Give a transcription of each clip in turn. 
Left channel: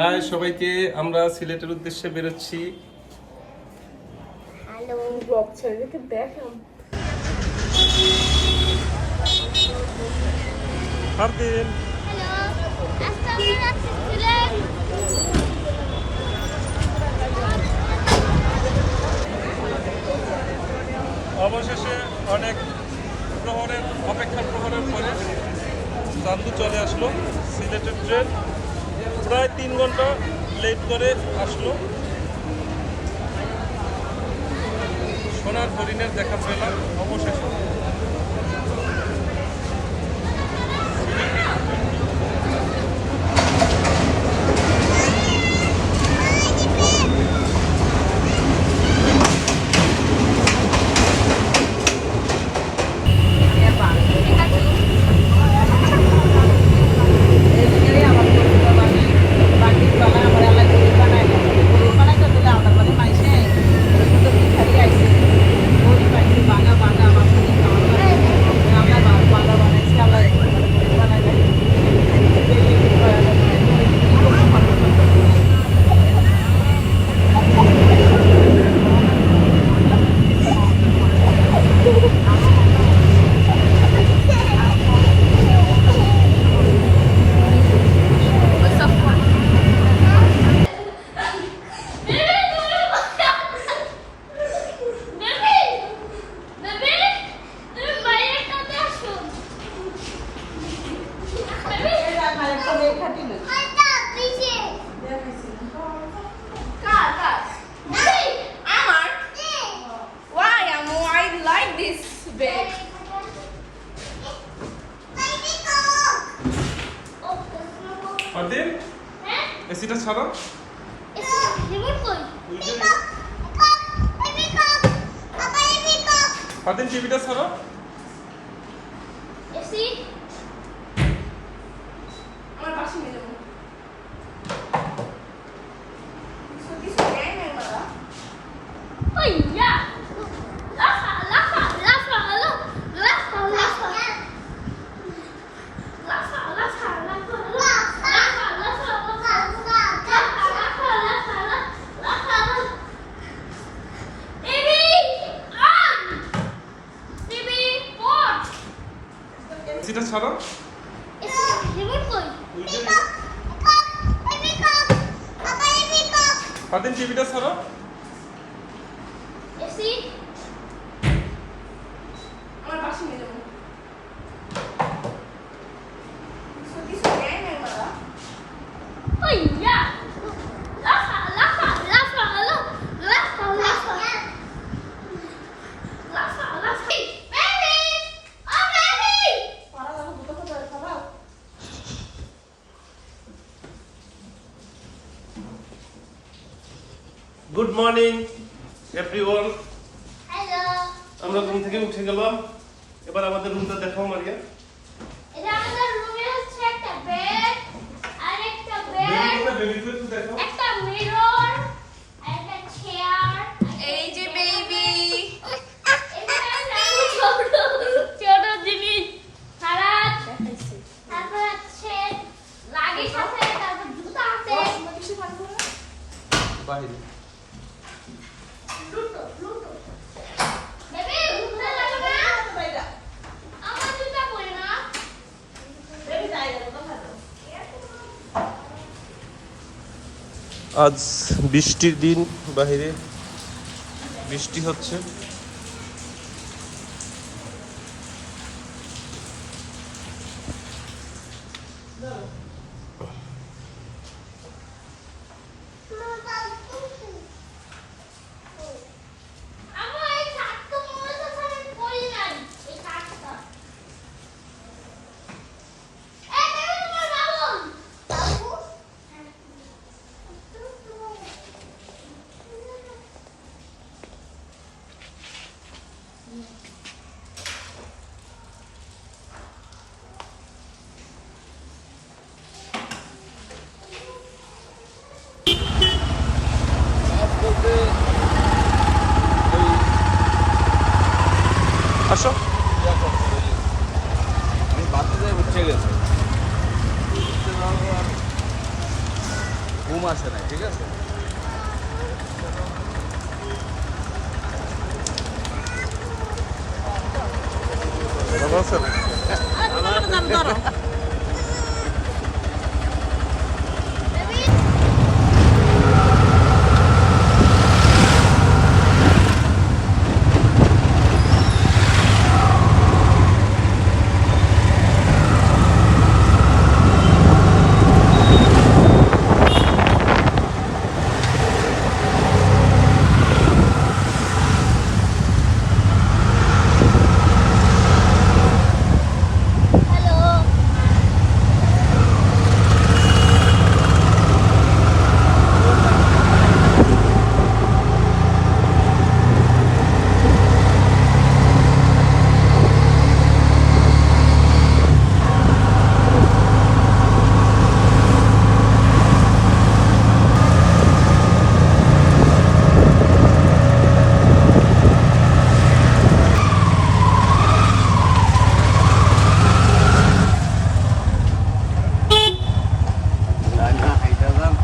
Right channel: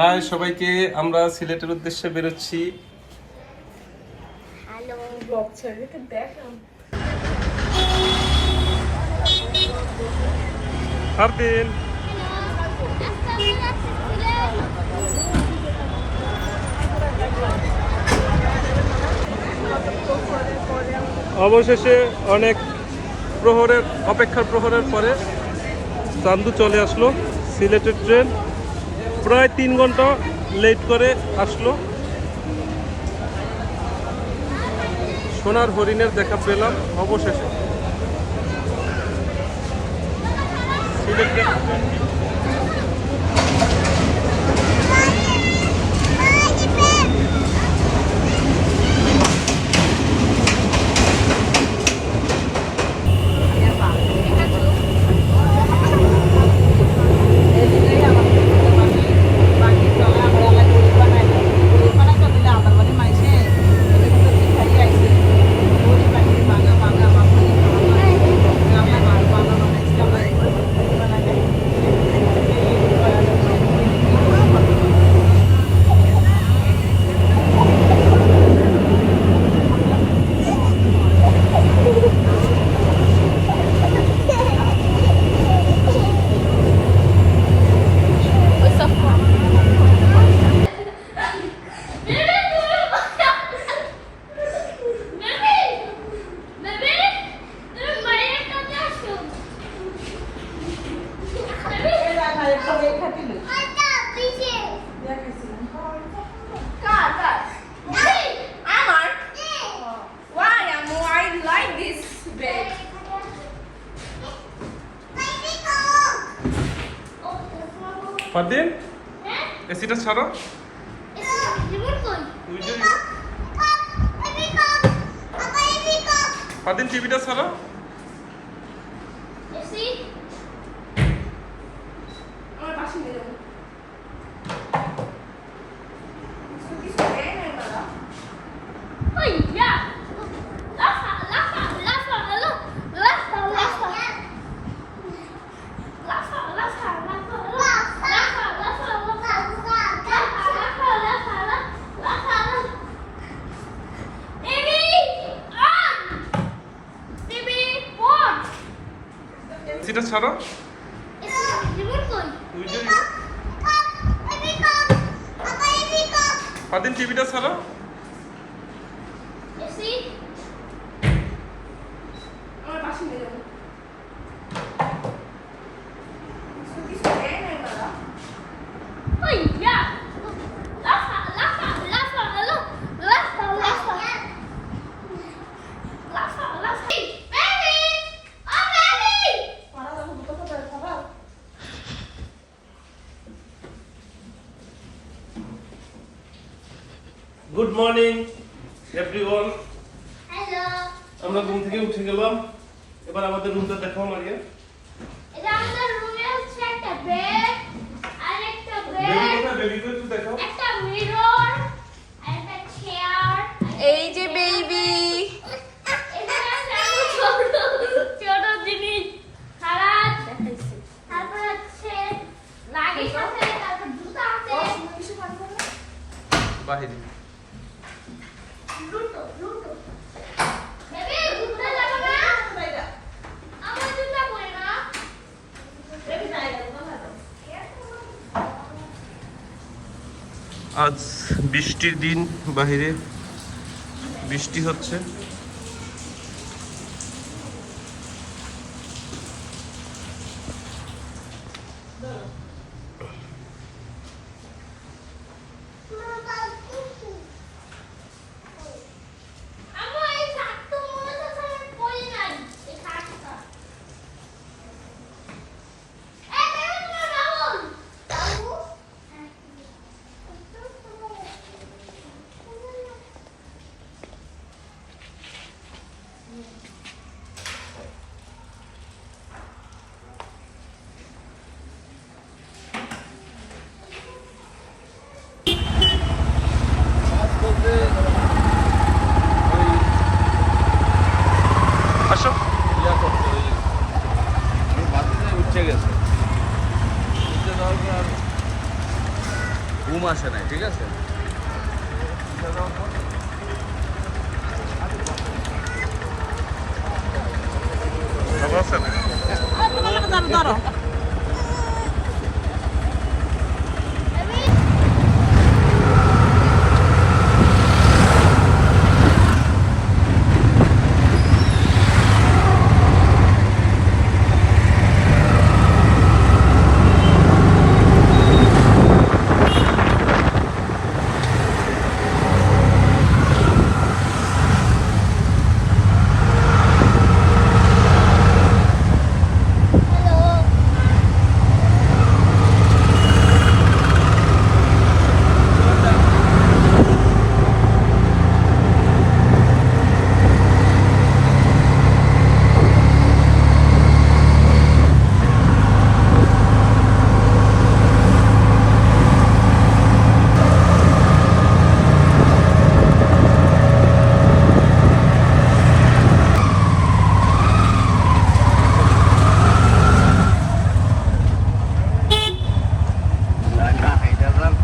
High সবাইকে, আমরা সিলেটের উদ্দেশ্যে বেরোচ্ছি। হ্যালো ফারদিন, অবশেষে অনেক অপেক্ষার প্রহরের পরে চান্দু চলে আসলো। সিলেটের ট্রেন প্রায় 3 ঘন্টা লেট করে আসলো। সোনার হরিণের দেখা পেলাম অবশেষে। ফারদিন, এসিটা ছাড়ো। ফারদিন, টিভিটা ছাড়ো। এসিটা ছাড়ো। ফারদিন, টিভিটা ছাড়ো। Good morning everyone. হ্যালো, আমরা ঘুম থেকে উঠে গেলাম। এবার আমাদের রুমটা দেখাও মারিয়া। এটা আমাদের রুমে হচ্ছে একটা বেড, আর একটা বেড, বেবিকে একটু দেখাও। একটা মিরর, আর একটা চেয়ার। এই যে বেবি, ছোট জিনিস খারাপ। তারপর হচ্ছে লাগেজ আছে, তারপর জুতা আছে। বাইরে বেবি, জুতা লাগবে না? আমার জুতা পরে না। আজ বৃষ্টির দিন, বাইরে বৃষ্টি হচ্ছে। আমার এই শার্টটা মনে হচ্ছে আমি পরি নাই। এই শার্টটা। এই দেখো তোমার বাবু। বাবু? ঘুম আসে না, ঠিক আছে? ভালো আছেন?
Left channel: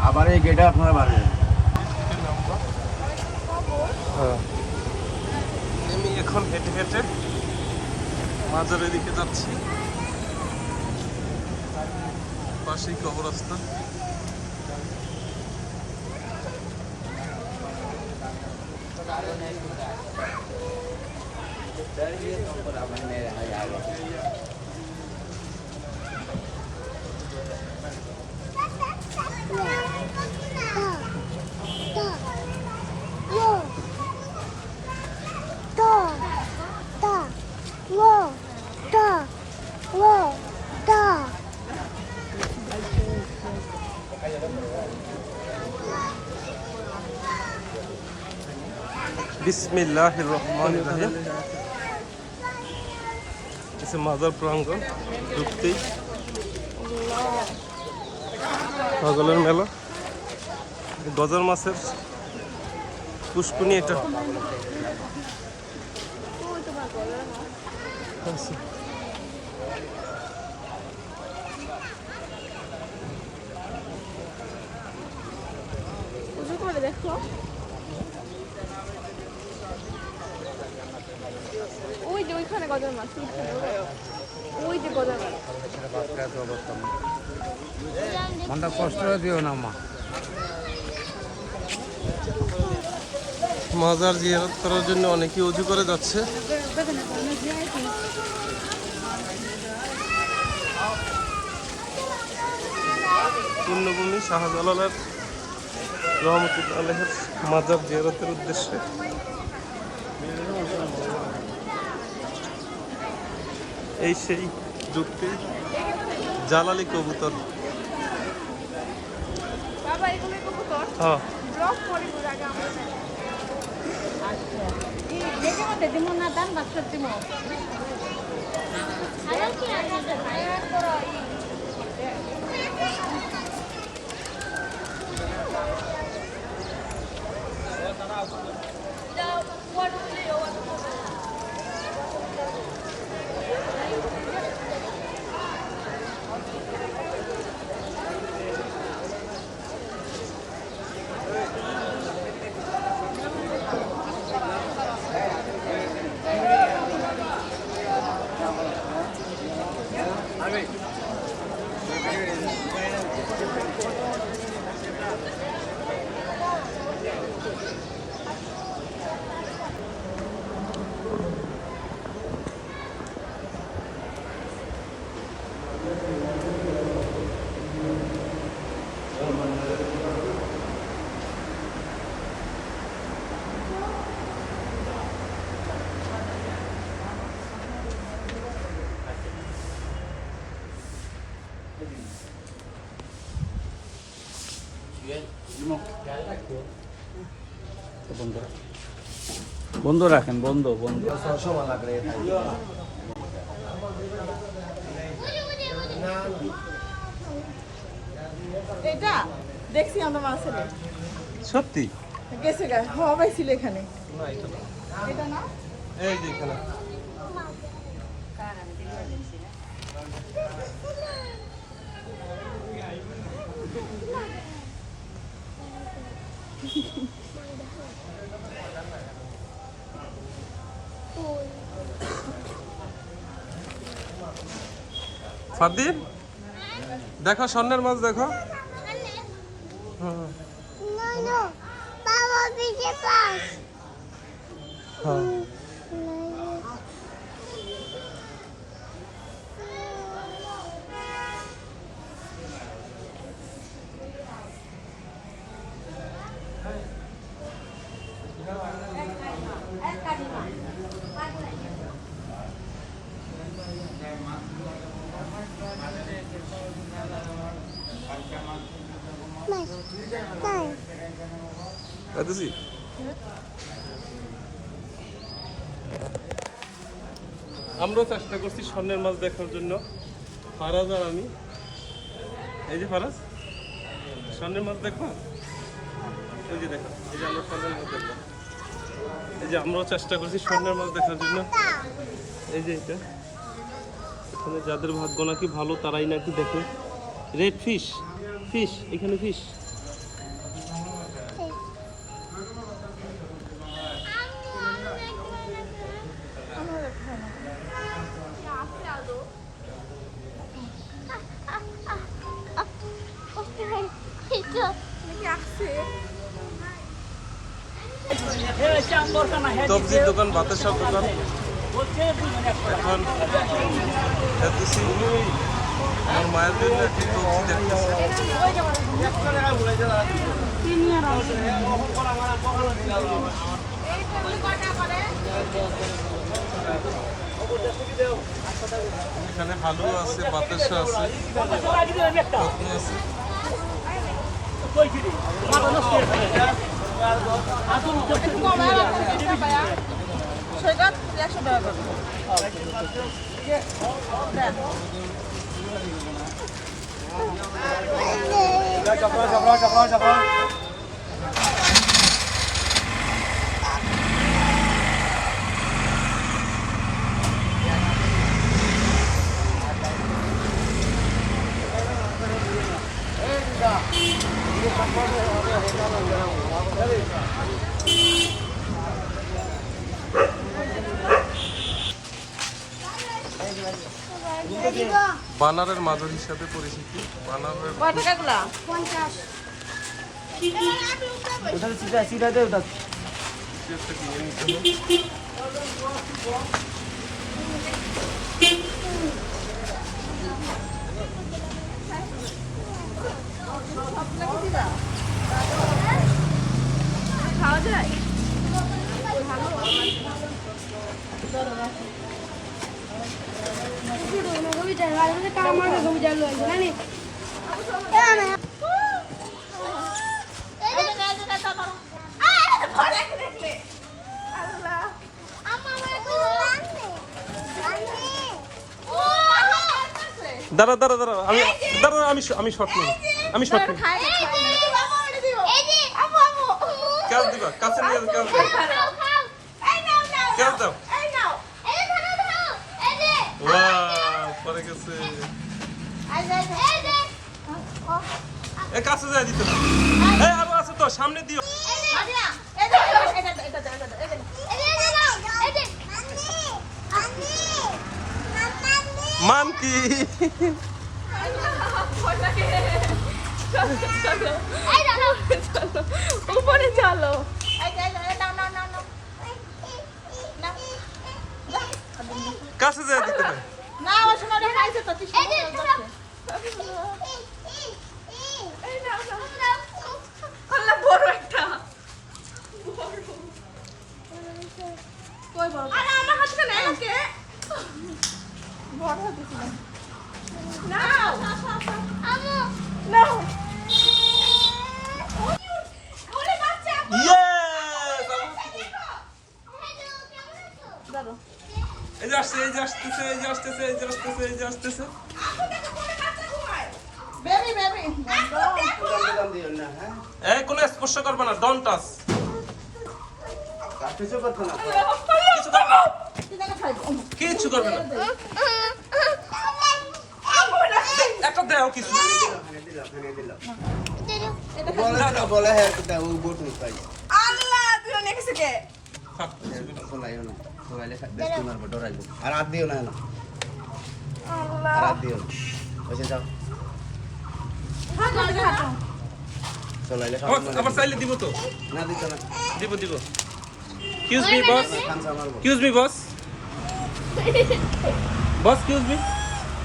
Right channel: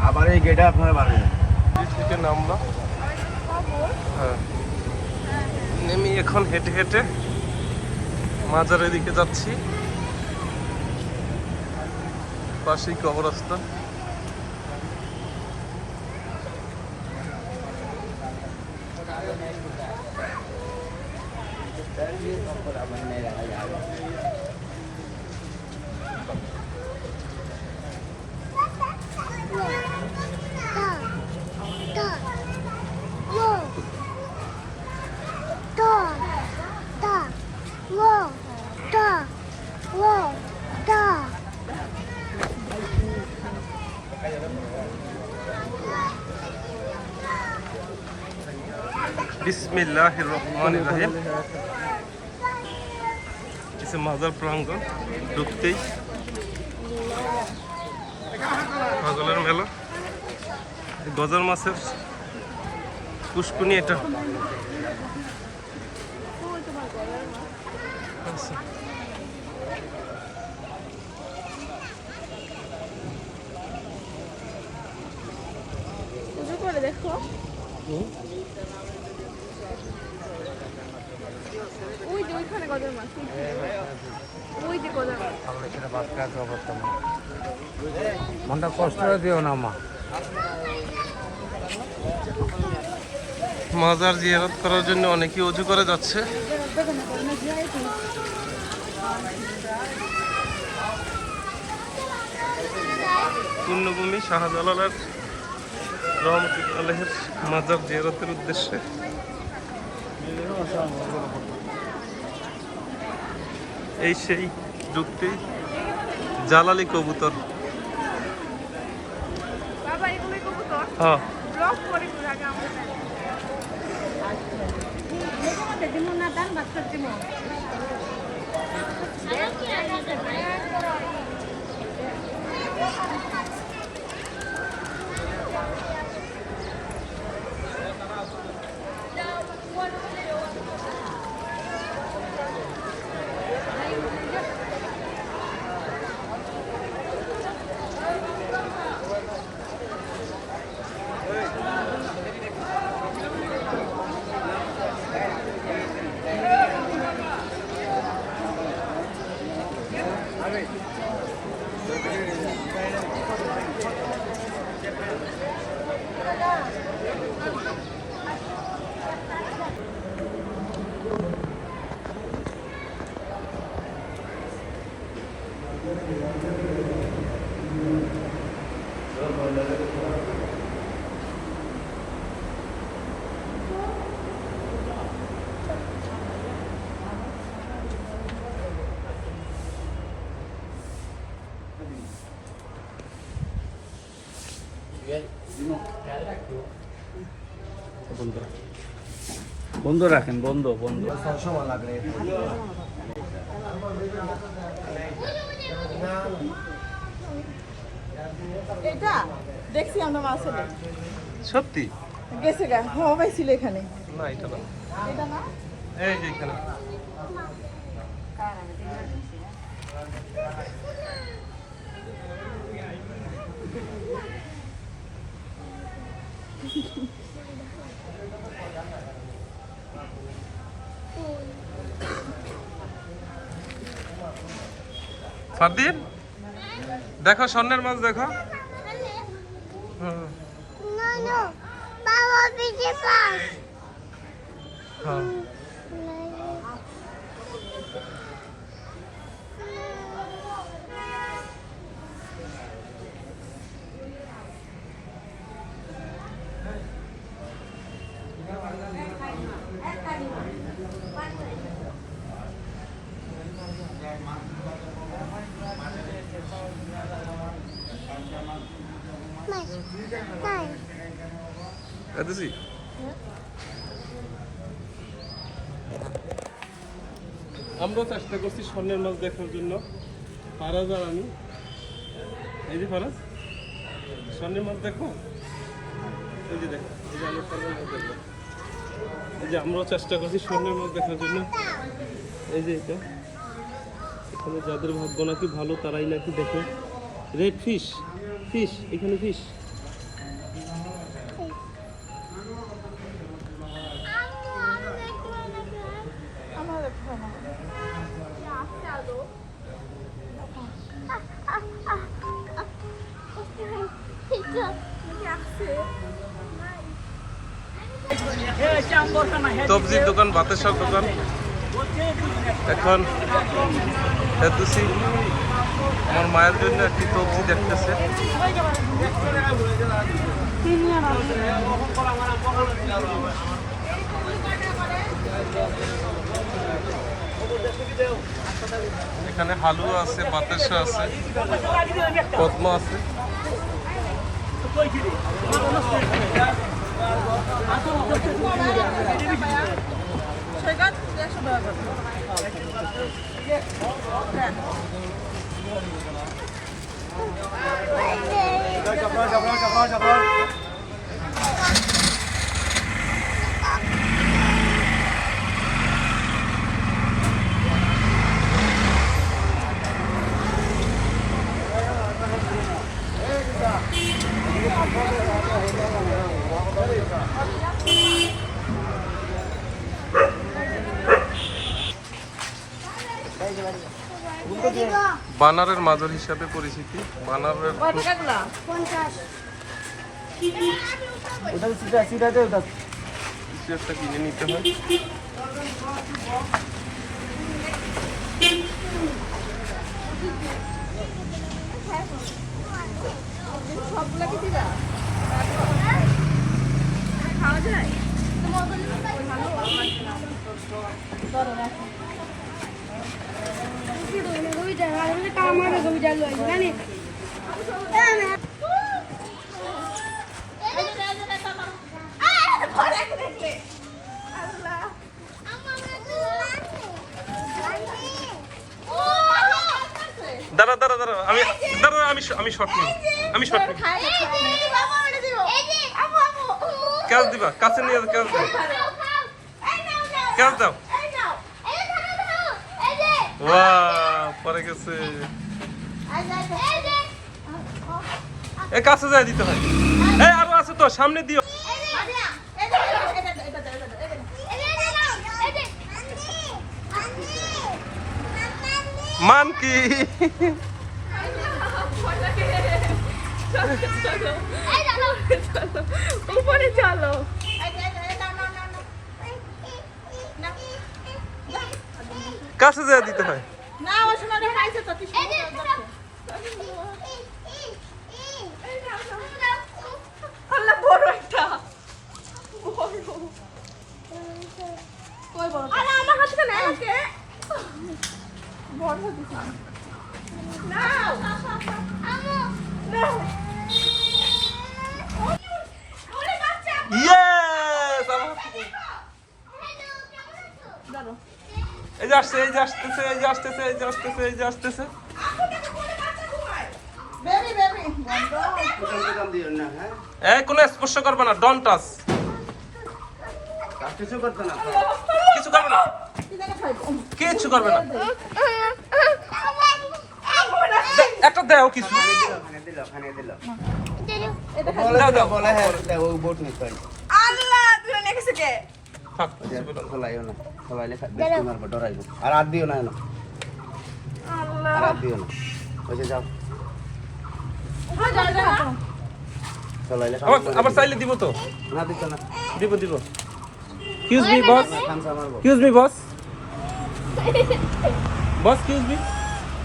আবার এই গেটে আপনার বাড়ি থেকে নামলাম। হ্যাঁ, নেমে এখন হেঁটে হেঁটে মাজারের দিকে যাচ্ছি। পাশেই কবরস্থান। বিসমিল্লাহির রহমানির রহিম। এসে মাজার প্রাঙ্গণ ঢুকতেই পাগলের মেলা। গজার মাছের পুষ্কুনি এটা। দেখো ওই যে ওইখানে গজার মাছ, ওই যে গজার মাছ। মনটা কষ্ট দিও না মা। মাজার জিয়ারত করার জন্য অনেকেই অজু করে যাচ্ছে। পুণ্যভূমি শাহজালালের রহমতুল্লাহ আলাইহির মাজার জিয়ারতের উদ্দেশ্যে এই সেই যুক্তি জালালি কবুতর। হ্যাঁ, বন্ধ রাখেন, বন্ধ বন্ধ। সময় লাগলে এটা দেখছি আমরা মাছে সত্যি গেছে গা হওয়া ছিল এখানে। না, এটা না, এটা না, এই যে এখানে। ফাদিল দেখো স্বর্ণের মাছ দেখো। হ্যাঁ বাবা পিছে পাস হ্যাঁ এদিছি আমরাও চেষ্টা করছি স্বর্ণের মাছ দেখার জন্য, ফারাজ আর আমি। এই যে ফারাজ স্বর্ণের মাছ দেখো, ওই যে দেখো, এই যে আমরা স্বর্ণের মাছ দেখবো। এই যে আমরাও চেষ্টা করছি স্বর্ণের মাছ দেখার জন্য। এই যে এটা এখানে যাদের ভাগ্য নাকি ভালো তারাই নাকি দেখে। রেড ফিশ, ফিশ এখানে ফিশ। সবজির দোকান, বাতাসার দোকান। এখন দেখতেছি আমার মায়ের জন্য একটি সবজি দেখতেছে। এখানে হালুয়া আছে, বাতাসা আছে, পদ্ম আছে। সেটা 100 টাকা বানারের মাজার হিসাবে পরিচিতি। বানারের কয় টাকাগুলা? 50 ওটা সিটাতে ওটা কিছু একটা কিনে নিতে হয়। খাওয়া যায়? দাঁড়া দাঁড়া দাঁড়া, আমি শর্ট নেব, আমি শর্ট নেব। ক্যাচ দিবা, কাছে নিয়ে ক্যাচ দাও, ক্যাচ দাও। ওয়াও, পরে গেছে। এ কাছে যায় দিতে হয়। এই আরো আছে তো, সামনে দিও। মান কি উপরে চলো। কাছে যায় দিতে হয়। না ওখানে খাইছে তো আল্লাহ বড় একটা কই বড় আরে আমার হাতে না ওকে বড় হাতে নাও নাও ওরে বাচ্চা ইয়েস! জানো এই যে আসছে, এই যে আসতেছে, এই যে আসতেছে, এই যে আসতেছে, এই যে আসতেছে। বেবি বেবি দোকান দিও না, হ্যাঁ এই কোনো স্পর্শ করবে না, ডন্ট টাচ। কিছু করতে না। কিছু করবে না, তুই দেখে খাইবো কিছু করবে না। একটা দাও কিছু। এটা খাই। দাও দাও। বলে হ্যাঁ ও বোট নিতে পারি আল্লাহ তুই নিয়ে গেছে কে? থাক, কিছু বলো না। চলাইও না চলাইলে বেশি মারবো ডরাইবো আর হাত দিও না আর আল্লাহ। হাত দিও না ওই যে যাও চলাইলে আবার চাইলে দিব তো, না দিত না দিব দিব। কিউজ মি বস, খামসা মারবো কিউজ মি বস, বস কিউজ মি,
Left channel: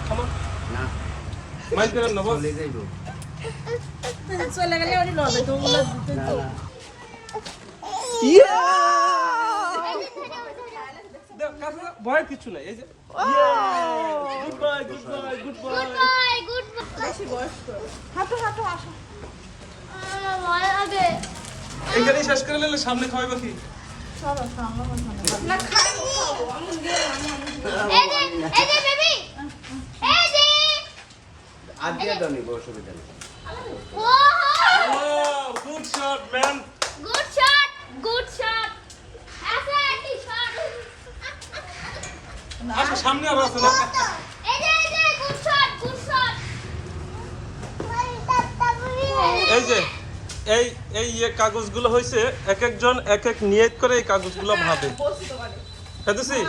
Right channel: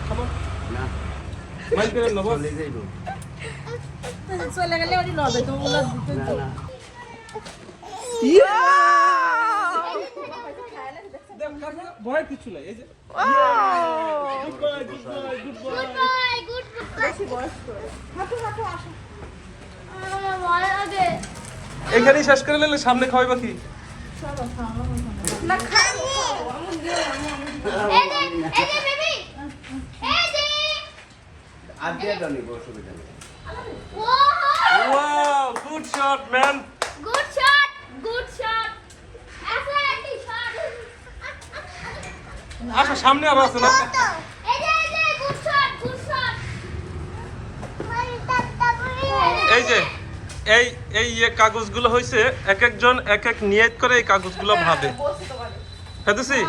খামন না মাইন্ড করেন না বস। চলে যাইবো চলে গেলে ওই লবে তো ওগুলো দিতে না না দাও, কাছে দাও, ভয়ের কিছু নাই, এই যে good boy good boy good boy. Bye good বেশি বয়স করে। হাঁটো হাঁটো আসো। আমার ভালো লাগে। এখানেই শেষ করে নিলে সামনে খাওয়াইবা কি? চলো খাওয়া না খাবো আমি এই যে বেবি এই যে হাত দিয়ে দাও নিবো অসুবিধা নেই ও wow, good shot man. Good shot good shot ऐसा একটি শট আচ্ছা সামনে আরো আছে না? এই যে গুড শট গুড শট এই যে এই এই কাগজগুলো হয়েছে এক একজন এক এক নিয়ত করে এই কাগজগুলো ভাবে। বসে তো পারে। বুঝেছি?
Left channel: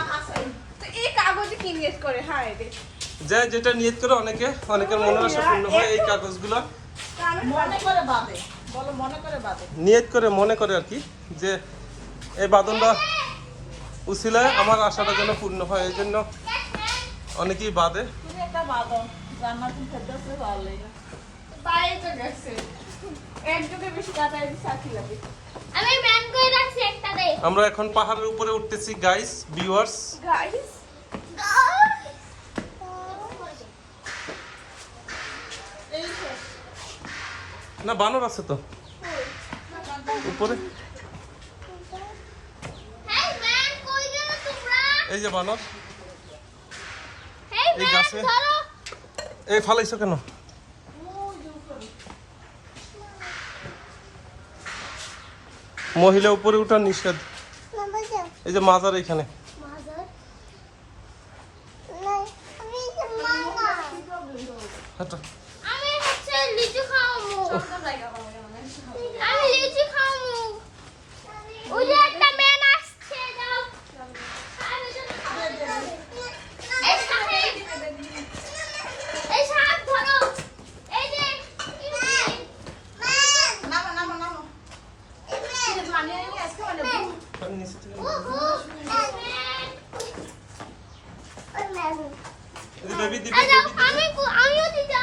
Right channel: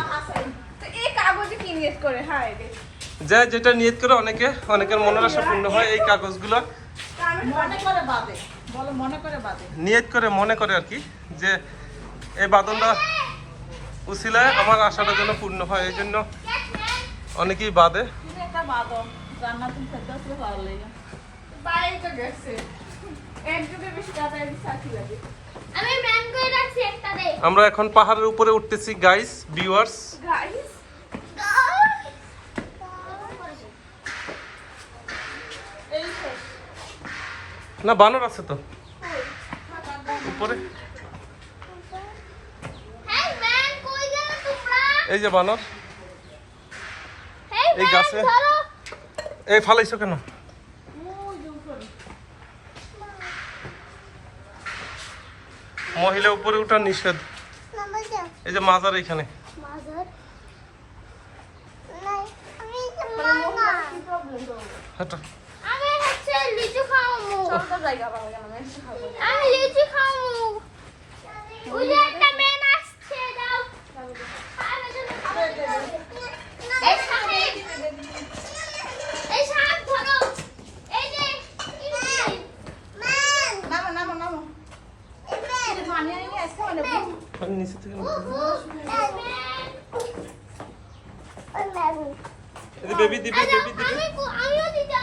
তো এই কাগজে কি নিয়ে করে হায় রে। যে যেটা নিয়ত করে অনেকের মনের আশা পূর্ণ হয়। এই কাগজগুলো মনে করে বাদে বলো মনে করে বাদে নিয়ত করে মনে করে আর কি, যে এই বাদনটা উসিলায় আমার আশাটা যেন পূর্ণ হয়, এই জন্য অনেকেই বাদে। তুমি একটা বাদো জান্নাতুল ফেরদৌসে ভালো লাগে বাইরে তো গেছে এক যুগের বেশি কাটায় সাথী লাগে আমি ম্যান করে রাখছি একটা দে আমরা এখন পাহাড়ের উপরে উঠতেছি গাইস, ভিউয়ার্স। গাইস না বানর আছে তো উপরে, হেই ম্যান কই গেলে তোমরা এই যে বানর। হেই এই ম্যান গাছে। ধরো এই ফালাইছো কেন? মহিলা উপরে উঠা নিষেধ। এই যে মাজার এখানে। হাঁটো। আমি হচ্ছে লিচু খাবো সবটা জায়গা পাবো আমি লিচু খাবো ওই যে একটা ম্যান আসছে দাও এই সাথে এই সাথ ধরো এই যে নামো নামো নামো এই যে বানিয়ে নিয়ে আজকে মানে আমি নিচে থেকে নামো। এই যে বেবি দিবি, আচ্ছা বেবি দিবি। আমিও দিতে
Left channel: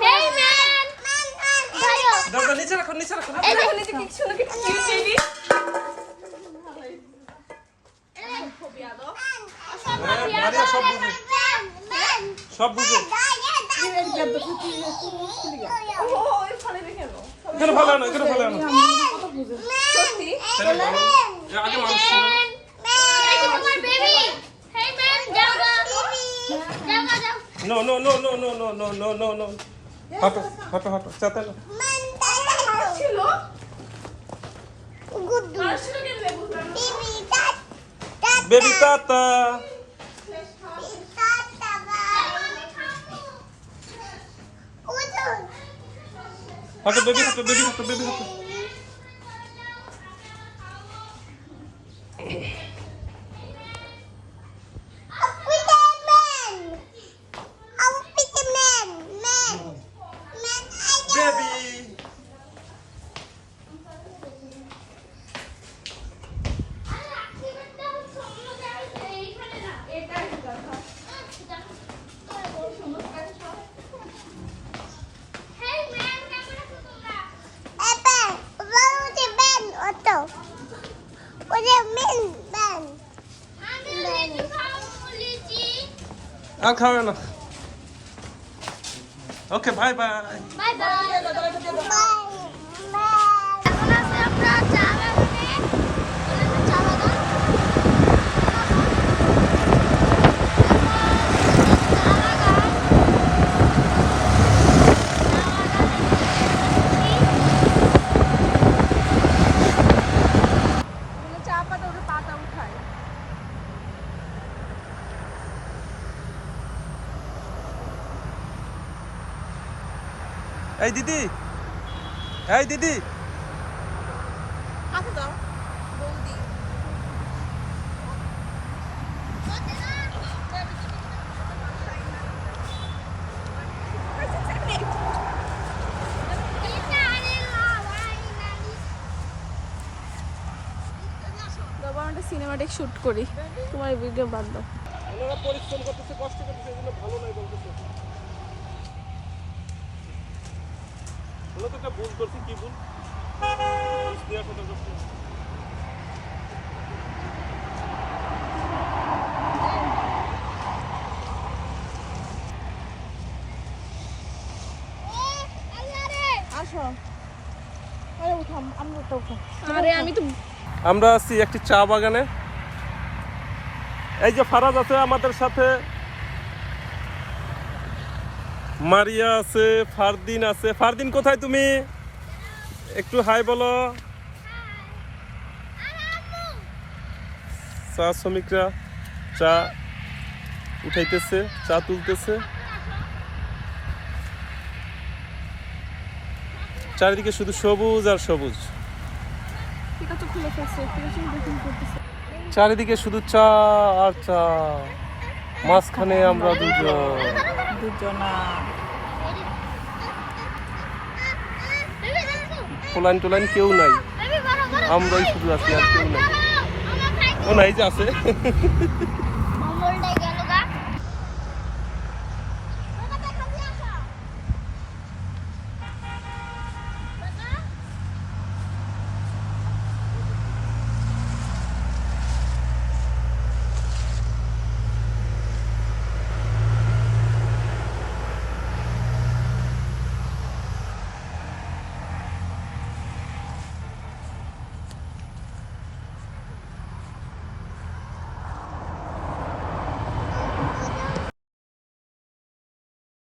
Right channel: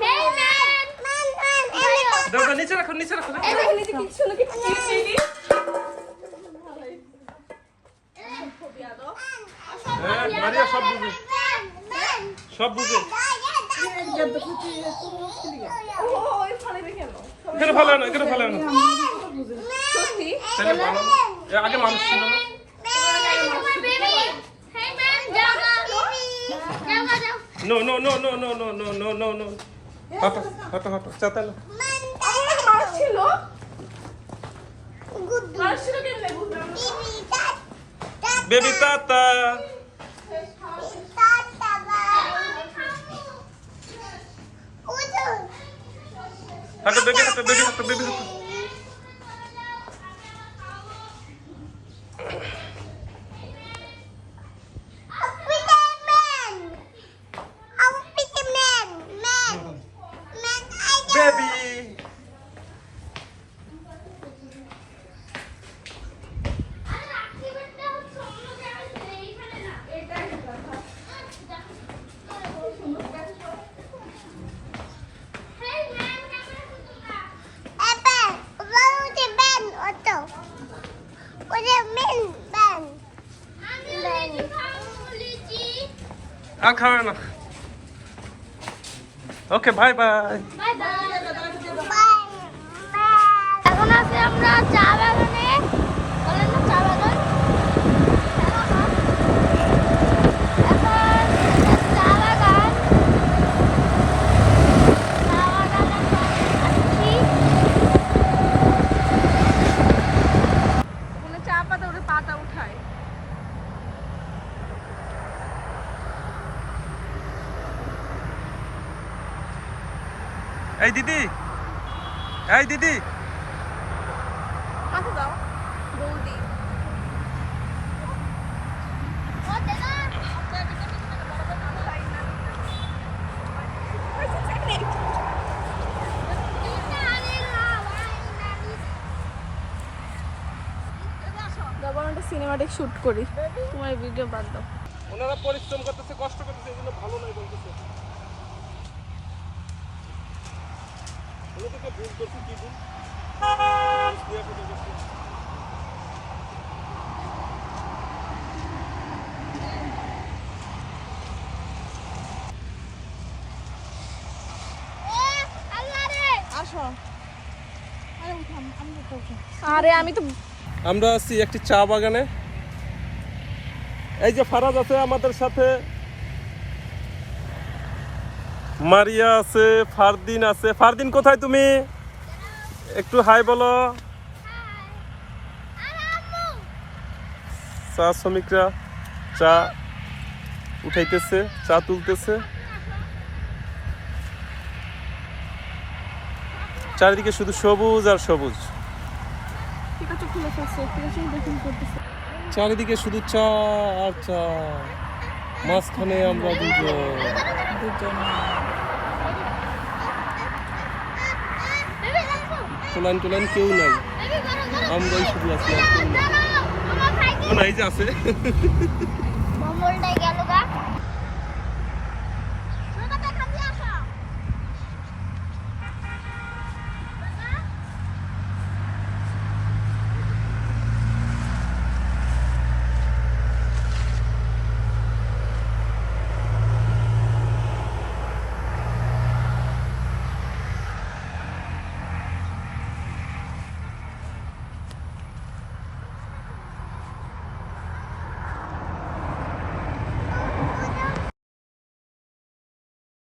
হেই ম্যান ভাইও দাও দাও, নিচে রাখো নিচে রাখো। এই যে নিতে কি শুনো কি চিনি ফোবিয়া দাও হ্যাঁ, মারিয়া সব বুঝে, সব বুঝে। ও ওই ফলে দেখে নাও এখানে ভালো না, এখানে ভালো না। সত্যি তাহলে ভালো। এর আগে মানুষ ছিল না। এই যে তোমার বেবি হেই ম্যান যাও যাও no no no no no no no no no no. হাঁটো হাঁটো হাঁটো, চাতালো। ছিল আর ছিল কি লেবু বেবি তাতা। হাঁটো বেবি, হাঁটো বেবি, হাঁটো বেবি, হাঁটো। বেবি আর খাবে না। Okay bye bye. Bye bye এখন আছে আমরা চা বাগানে চা বাগান চা পাতা ওদের পাতা উঠায়। এই দিদি, এই দিদি, বাবা আমি একটা সিনেমাটিক শুট করি, তোমার এই ভিডিও বাদ দাও। ওনারা পরিশ্রম করতেছে, কষ্ট করতেছে, এই জন্য ভালো নাই বলতেছে। ওরা তো একটা ভুল করছে, কি ভুল? দেওয়ার কথা করছে। আসো, আরে উঠাম, আমরা তো উঠাম। আরে আমি তো আমরা আছি একটি চা বাগানে। এই যে ফারাজ আছে আমাদের সাথে, মারিয়া আছে, ফারদিন আছে। ফারদিন কোথায় তুমি? একটু হাই বলো। চা শ্রমিকরা চা উঠাইতেছে, চা তুলতেছে। চারিদিকে শুধু সবুজ আর সবুজ, এটা তো খুলে ফেলছে, ঠিক আছে দেখুন করতেছে। চারিদিকে শুধু চা আর চা, মাঝখানে আমরা দুজন। পোলাইন টোলাইন কেউ নাই, আমরাই শুধু আছি, আর কেউ নাই। ও নাই যে আছে।